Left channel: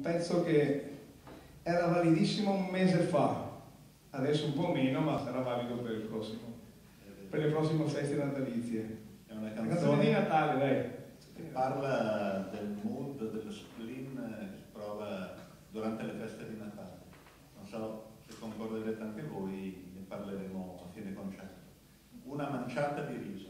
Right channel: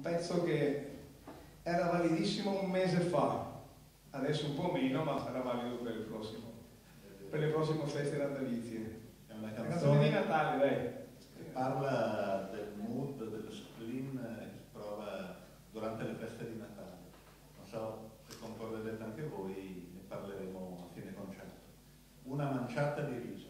un pezzo che era validissimo un mese fa, adesso un po' meno, ma sarà valido per le prossime feste natalizie. È una canzone di Natale, dai. Che parla del mood, dello spleen che si prova durante le feste di Natale. Non so se concorrerete anche voi, ne parleremo a fine concerto. Una manciata di riso.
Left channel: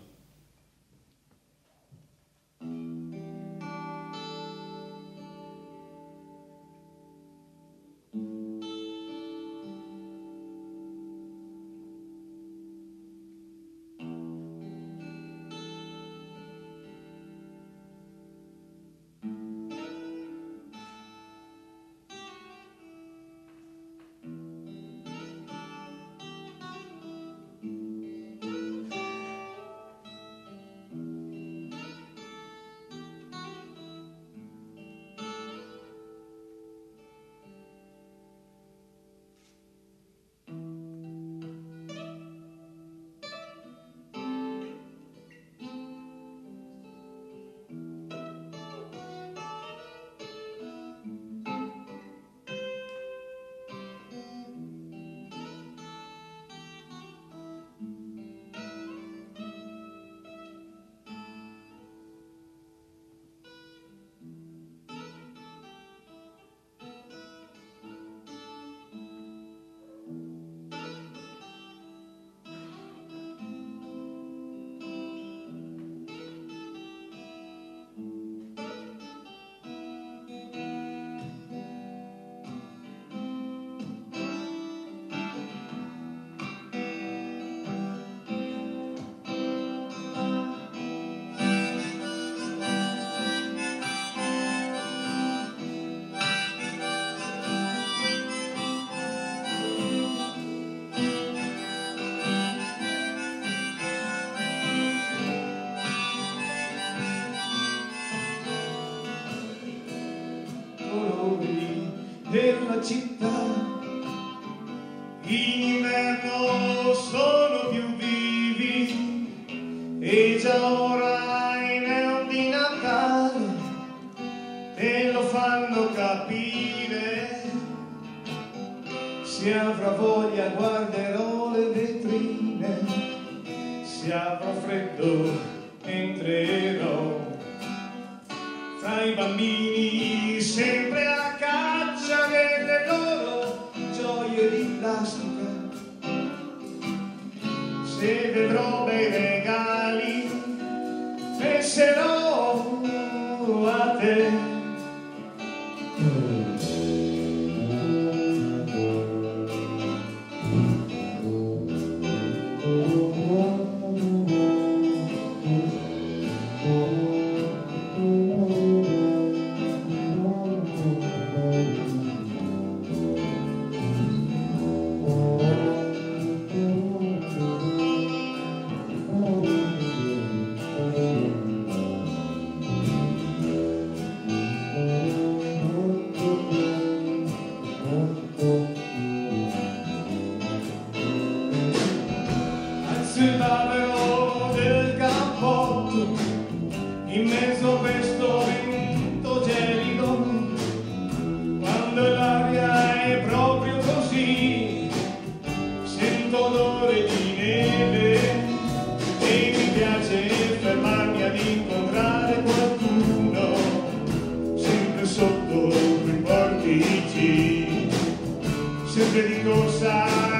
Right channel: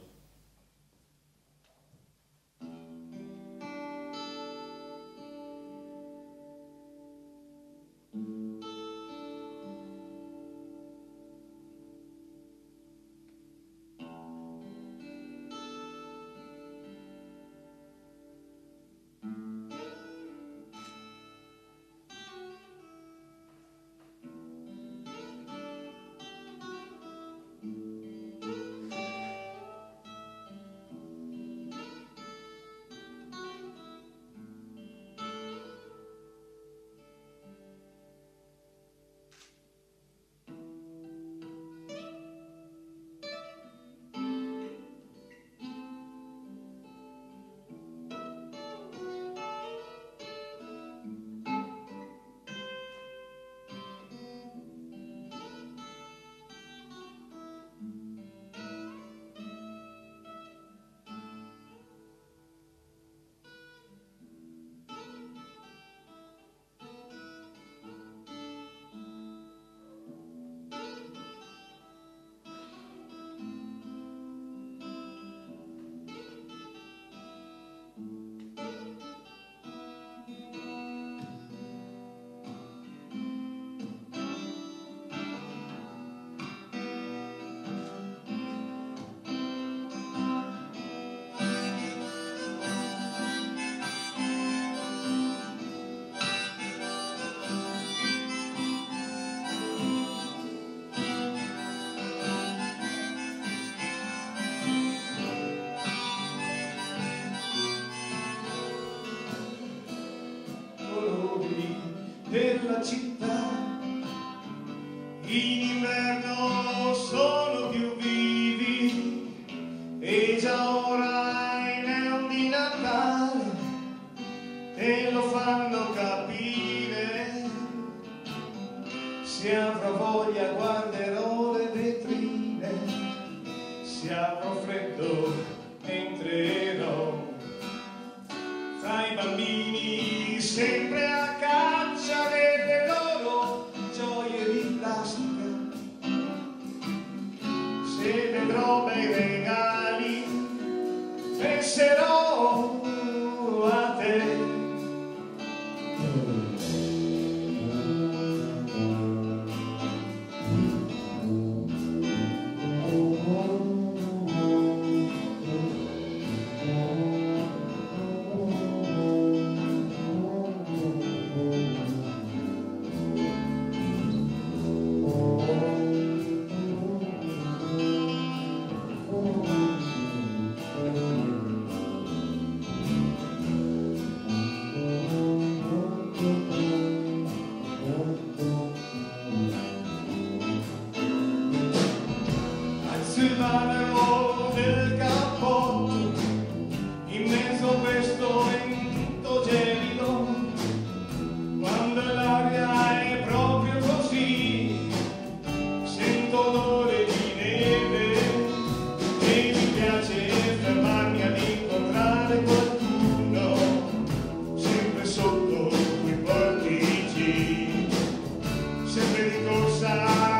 Della città in inverno sono più vivi e già ora i neon di Natale te lo fanno capire. Se avrò voglia guarderò le vetrine, se avrò freddo entrerò fra i bambini sempre a caccia delle loro gioie di plastica. Se vedrò bei regali penserò a te. Il bavero del cappotto in mezzo a questo vento gelido, quando l'aria è proprio così, sento odore di neve e mi piace fermarmi ad incontrare qualcuno sempre sotto quei portici, sempre di corsa